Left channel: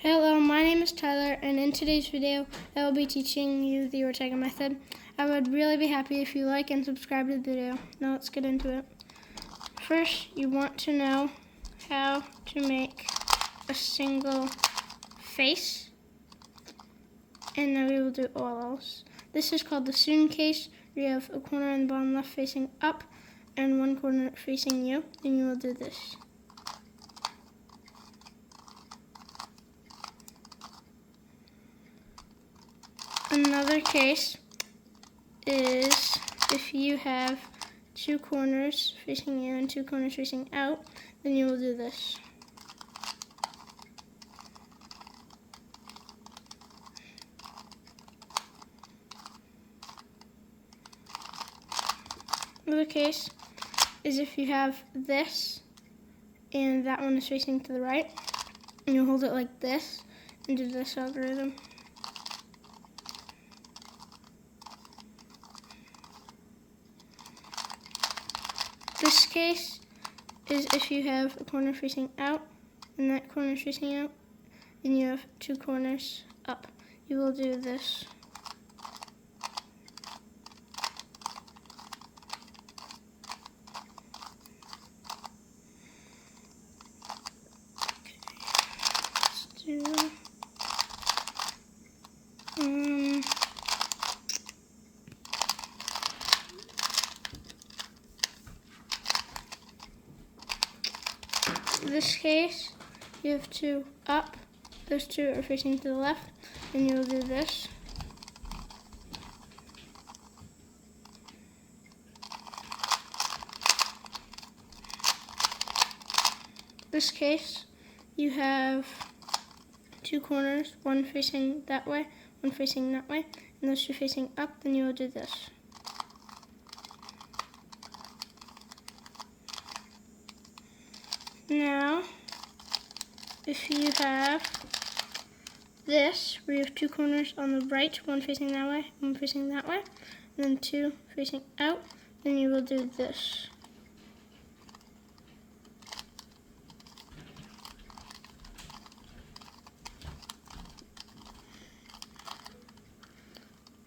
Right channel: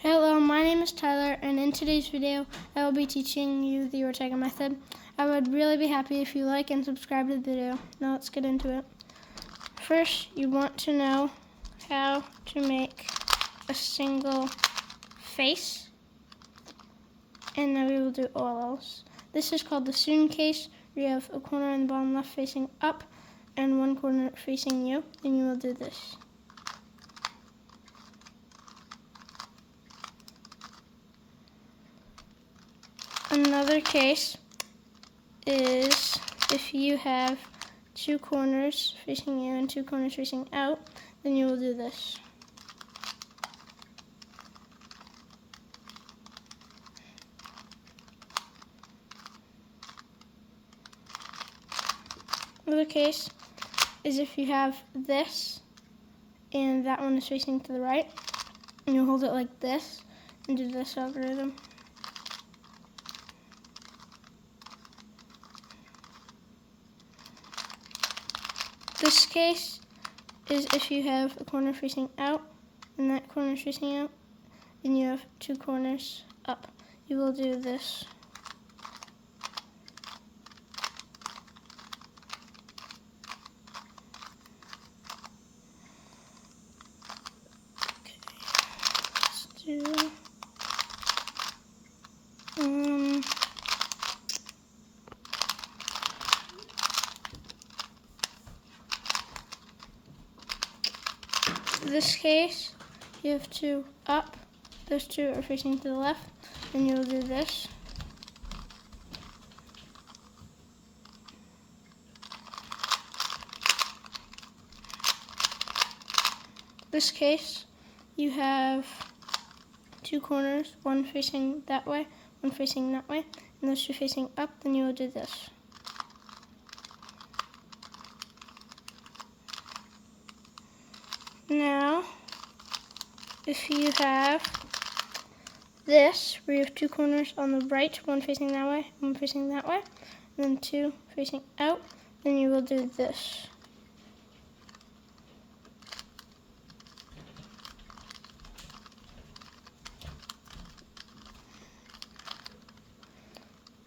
Hello, my name is Tyler, and in today's video, I will be teaching you the Ortega Method. I would really be happy if you like and subscribe to the video. Now let's get into it. First, you want to know how to make a single face, and now we will do OLLs. This is called the student case, where you have a corner in the bottom left facing up, and one corner facing you, and you will do this. Another case is if you have two corners facing you and two corners facing out, then you will do this. Another case is if you have this and that one is facing to the right, and you hold it like this and do this algorithm. This case is if you have a corner facing out and that corner is facing out, and you have two corners up. You will do this. Okay, let's do this case, you have two up, those two are facing to the left, and you will do this. This case, you have two corners, one facing that way, one facing that way, and those two facing up, then you will do this. Now, if you have this, where you have two corners on the right, one facing that way, one facing that way, and then two facing out, then you will do this.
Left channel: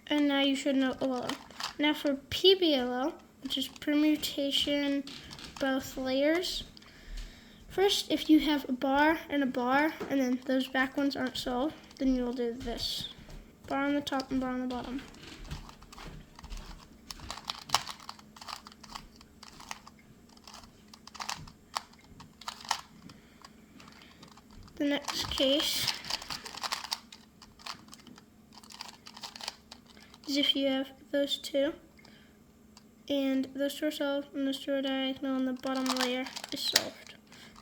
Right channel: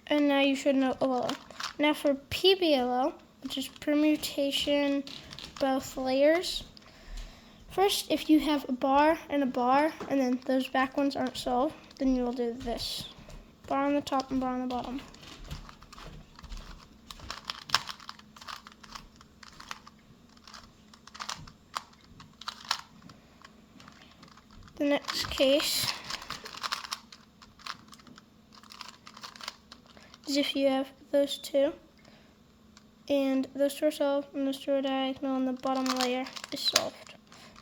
And now you should know OLL. Now for PBL, which is permutation both layers. First, if you have a bar, and then those back ones aren't solved, then you will do this. Bar on the top and bar on the bottom. The next case is if you have those two, and those two are solved, and those two are diagonal, and the bottom layer is solved.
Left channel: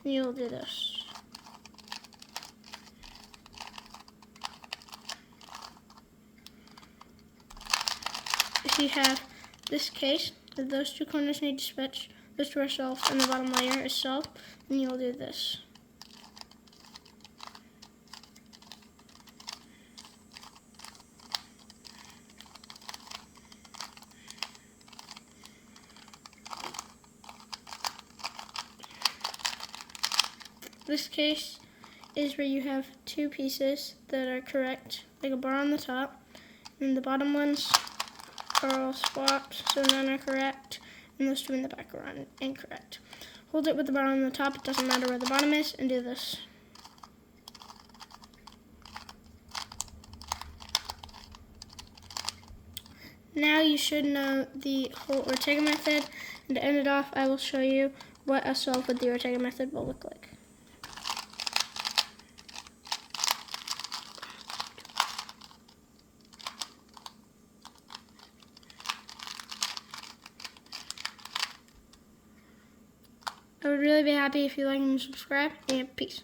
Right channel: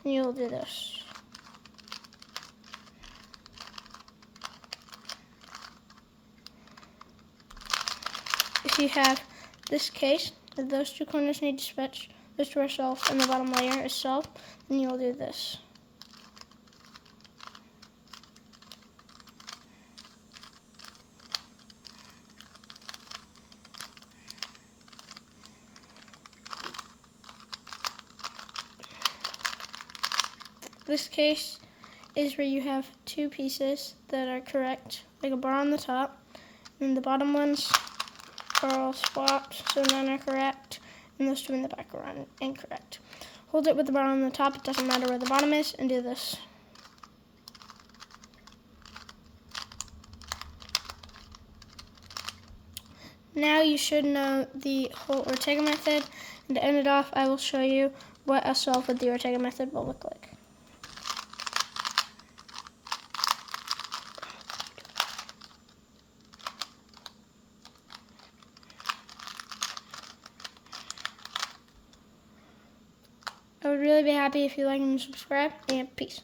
And you'll do this. If you have this case, those two corners need to switch, those two are solved, and the bottom layer is solved, and you'll do this. This case is where you have two pieces that are correct, like a bar on the top, and the bottom ones are all swapped, so none are correct, and those two in the back are incorrect. Hold it with the bar on the top, it doesn't matter where the bottom is, and do this. Now you should know the whole Ortega method, and to end it off, I will show you what a solve with the Ortega method will look like. I would really be happy if you like and subscribe, and peace.